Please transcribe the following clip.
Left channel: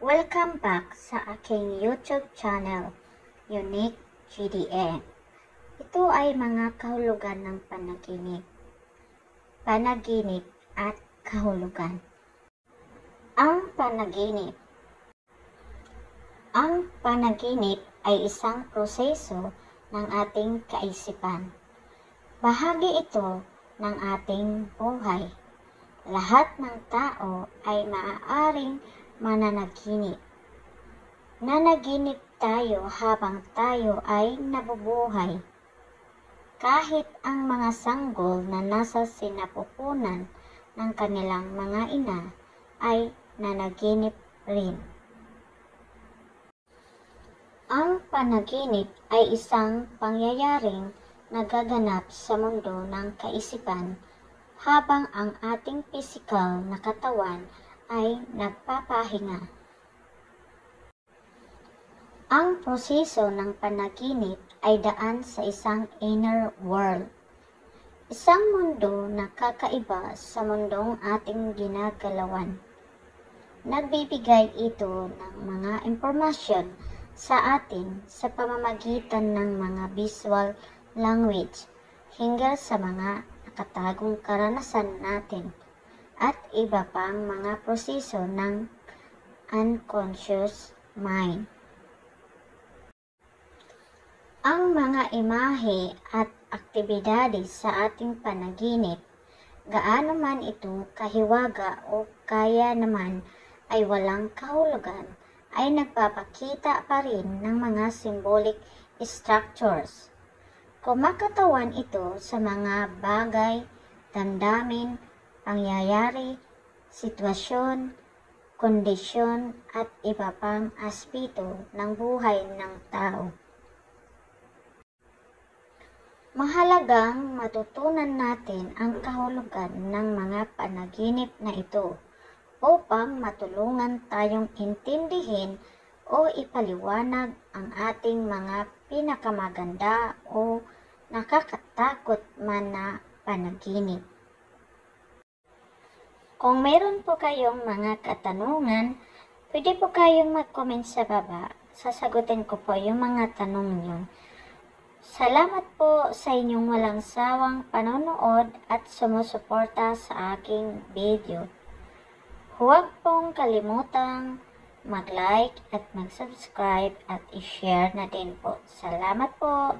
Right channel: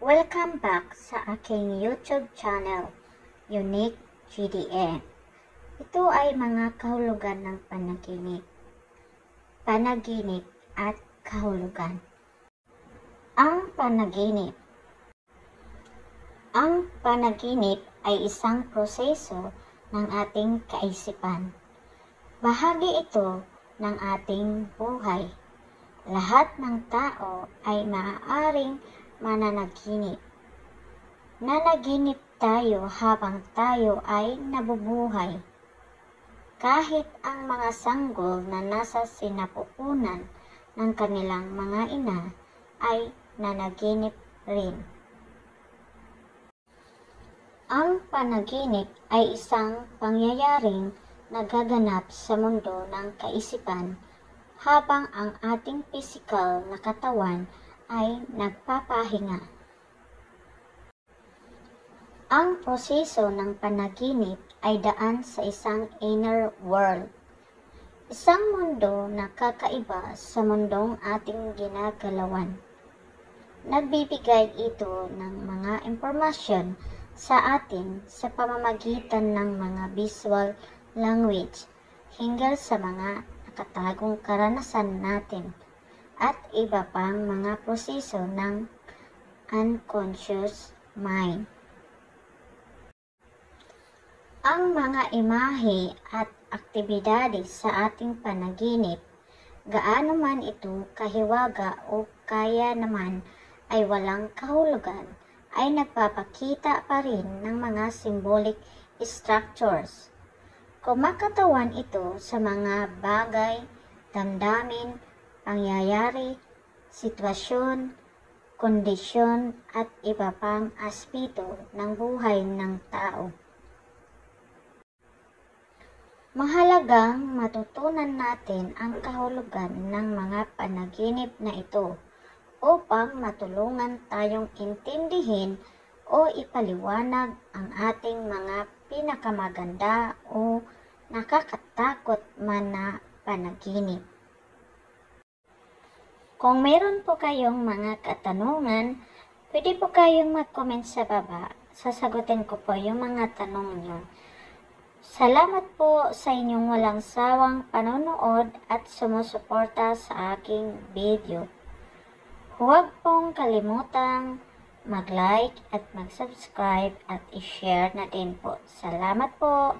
Welcome back sa aking YouTube channel, Unique GDM. Ito ay mga kahulugan ng panaginip at kahulugan. Ang panaginip. Ang panaginip ay isang proseso ng ating kaisipan. Bahagi ito ng ating buhay. Lahat ng tao ay maaaring mananaginip. Nanaginip tayo habang tayo ay nabubuhay. Kahit ang mga sanggol na nasa sinapupunan ng kanilang mga ina ay nanaginip rin. Ang panaginip ay isang pangyayaring nagaganap sa mundo ng kaisipan habang ang ating pisikal na katawan ay nagpapahinga. Ang proseso ng panaginip ay daan sa isang inner world, isang mundo na kakaiba sa mundong ating ginagalawan. Nagbibigay ito ng mga impormasyon sa atin sa pamamagitan ng mga visual language hingga sa mga nakatagong karanasan natin at iba pang mga proseso ng unconscious mind. Ang mga imahe at aktibidades sa ating panaginip, gaano man ito kahiwaga o kaya naman ay walang kahulugan, ay nagpapakita pa rin ng mga symbolic structures. Kumakatawan ito sa mga bagay, damdamin, pangyayari, sitwasyon, kondisyon at iba pang aspeto ng buhay ng tao. Mahalagang matutunan natin ang kahulugan ng mga panaginip na ito upang matulungan tayong intindihin o ipaliwanag ang ating mga pinakamaganda o nakakatakot man na panaginip. Kung meron po kayong mga katanungan, pwede po kayong mag-comment sa baba. Sasagutin ko po yung mga tanong nyo. Salamat po sa inyong walang sawang panonood at sumusuporta sa aking video. Huwag pong kalimutang mag-like at mag-subscribe at i-share na din po. Salamat po!